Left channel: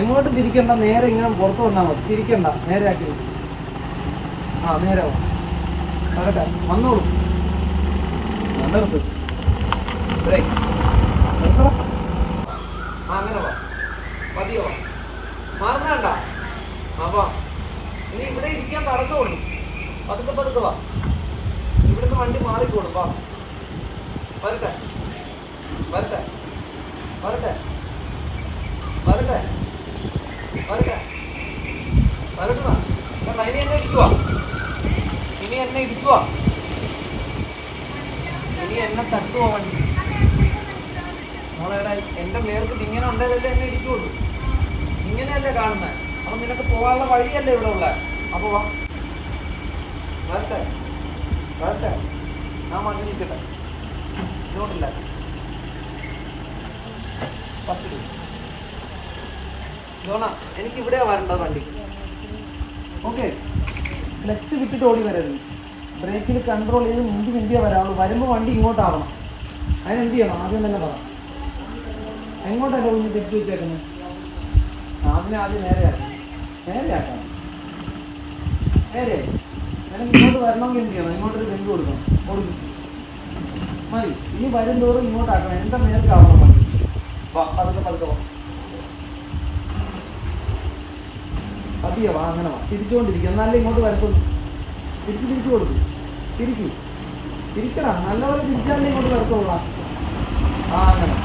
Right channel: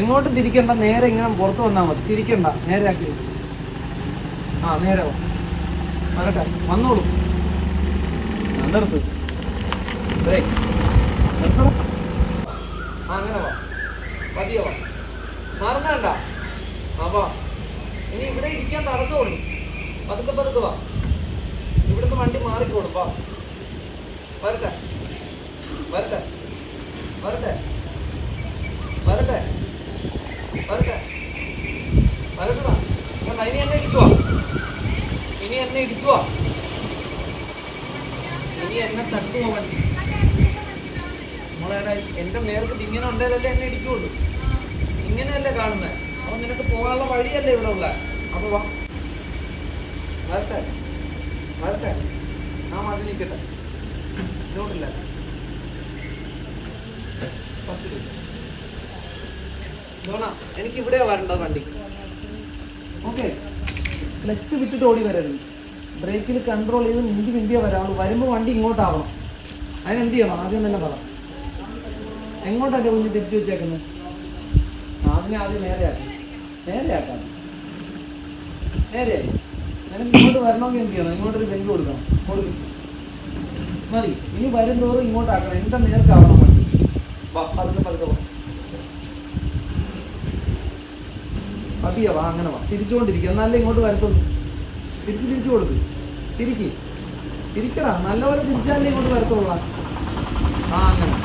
എങ്ങോട്ടും തിരിക്കണ്ട, നേരെ ഇങ്ങനെ പുറത്ത് വന്നാൽ മതി. തിരിക്കണ്ട, നേരെ ആക്കി. ആ നേരെ വരട്ടെ, വന്നോളൂ. നിർത്ത്, ബ്രേക്ക് നിർത്തണം. ആ അങ്ങനെ വാ, പതിയോ വാ, മറന്നണ്ട. ആ ഇനി ഇവിടെ ഇരിക്കാൻ തടസ്സമുള്ളൂ. പതുക്കെ പതുക്കെ വാ. ഇവിടുത്തെ വണ്ടി മാറിക്കോളും. വാ, വരട്ടെ വരട്ടെ വരട്ടെ വരട്ടെ വരട്ടെ വരട്ടെ വാ. ഇനി എന്നെ ഇടിക്കുവാ, ഇനി എന്നെ ഇടിക്കുവാ, ഇനി എന്നെ തട്ടുവാ വണ്ടി. നമ്മളെ എന്റെ നേർക്ക് ഇങ്ങനെ ഉണ്ടേലല്ലേ എന്നെ ഇടിക്കുള്ളൂ. ഇങ്ങനെയല്ലേ കാണുന്നത്. അപ്പൊ നിനക്ക് പോകാനുള്ള വഴിയല്ലേ ഇവിടെ ഉള്ള. അപ്പൊ വാ, വരട്ടെ വരട്ടെ. ആ മതി നിൽക്കട്ടെ, ഇങ്ങോട്ടില്ല. ഫസ്റ്റ് ജോണ, എനിക്ക് ഇവിടെയാ വരേണ്ടത് വണ്ടി. ഓക്കെ, ക്ലച്ച് വിട്ടിട്ട് ഓടി വരരുത്. ബ്രേക്കിൽ കൺട്രോൾ ചെയ്ത് മിന്തിയേ വരാവുള്ളൂ. വരുമ്പോൾ വണ്ടി ഇങ്ങോട്ടാവണം. അതിനെന്ത് ചെയ്യണം ആദ്യം തന്നെ പറ. എങ്ങോട്ടല്ലേ കുഞ്ഞ് തെറ്റി വെച്ചേക്കുന്നത്? അതിനെ ആദ്യം നേരെയാക്കാം. നേരെയാക്കാം, നേരെയായി. നിനക്ക് ഇങ്ങോട്ട് വരണമെങ്കിൽ എന്ത് ചെയ്യണം? ഇങ്ങോട്ടൊരു ബെഞ്ച് കൊടുക്കണം. കൊടുക്കും, മതി. ഇനി വരും തോറും ഇങ്ങോട്ടാക്കണം. എൻ്റെ നേർക്കാവണം വണ്ടി. വാ, പതുക്കെ പതുക്കെ വാ, പതിയെ വാ. അങ്ങനെ വാ, തിരിച്ചുകൊണ്ടിരിക്കുക. എന്നാലേ ഇങ്ങോട്ട് വരത്തുള്ളൂ. തിരിച്ചു കൊടുക്കും. തിരിക്കടാ, നല്ലപോലെ തിരിച്ചാലേ ഇങ്ങോട്ട് വരത്തുള്ള. ആ അങ്ങനെ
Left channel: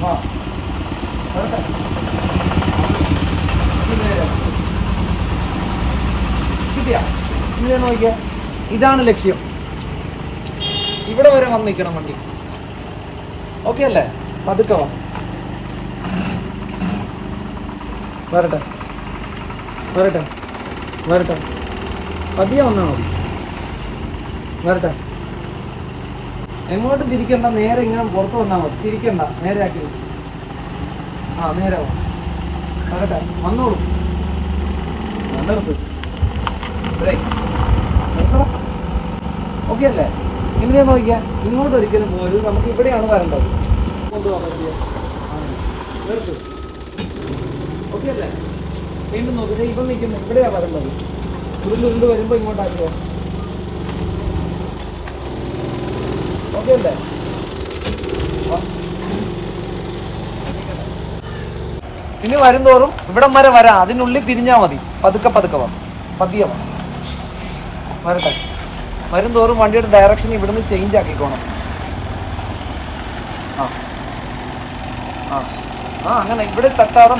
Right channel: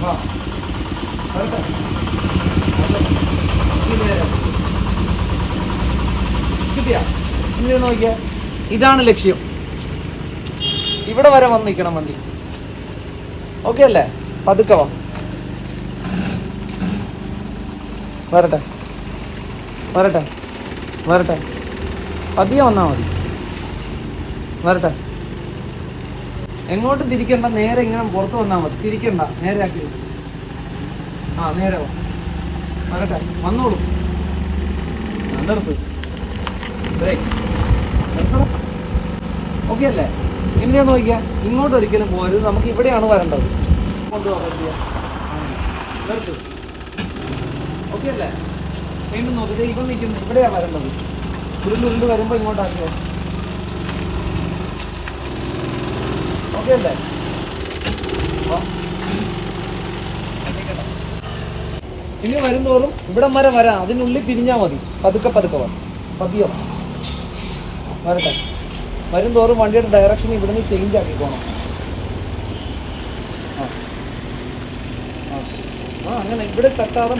വാ, വരട്ടെ. കിട്ടിയാ? ഇങ്ങനെ നോക്കിയാ, ഇതാണ് ലക്ഷ്യം. ഇവിടെ വരെ വന്ന് നിൽക്കണം വണ്ടി. ഓക്കെ അല്ലേ? പതുക്കെ വാ, വരട്ടെ വരട്ടെ വരട്ടെ. പതിയെ വന്നാൽ മതി. വരട്ടെ, എങ്ങോട്ടും തിരിക്കണ്ട, നേരെ ഇങ്ങനെ പുറത്ത് വന്നാൽ മതി. തിരിക്കണ്ട, നേരെ ആക്കി. ആ നേരെ വാ, വരട്ടെ, വന്നോളൂ. നിർത്ത്, ബ്രേക്ക് നിർത്തണം. ഓക്കെ അല്ലേ? ഇങ്ങനെ നോക്കിയാൽ ഇങ്ങോട്ട് ഒരിക്കലും പോരുത്. നമുക്ക് ഇവിടെയാണ് വരേണ്ടത്. നിർത്ത്, ഓക്കെ അല്ലേ? വീണ്ടും നോക്കിയത് ഇപ്പം നിൽക്കുന്നു. ഇവിടെയാണ് വരേണ്ടത്. ഉരുണ്ട് വരുമ്പോൾ ഇങ്ങോട്ടാക്കുക. ഓക്കെ അല്ലേ? ഇനി വരും തോറും ഇവിടം വരെ വരാം. അതിനുള്ളിൽ തിരിഞ്ഞാൽ മതി. പതുക്കെ പതുക്കെ വാ, പതിയെ വരട്ടെ. വരും തോറും വണ്ടിയുടെ ഡയറക്ഷൻ ഇവിടുന്ന് ചേഞ്ച് ആക്കിക്കോണം. ആ ആ അങ്ങനെ ഇവിടെ തട്ടാതെ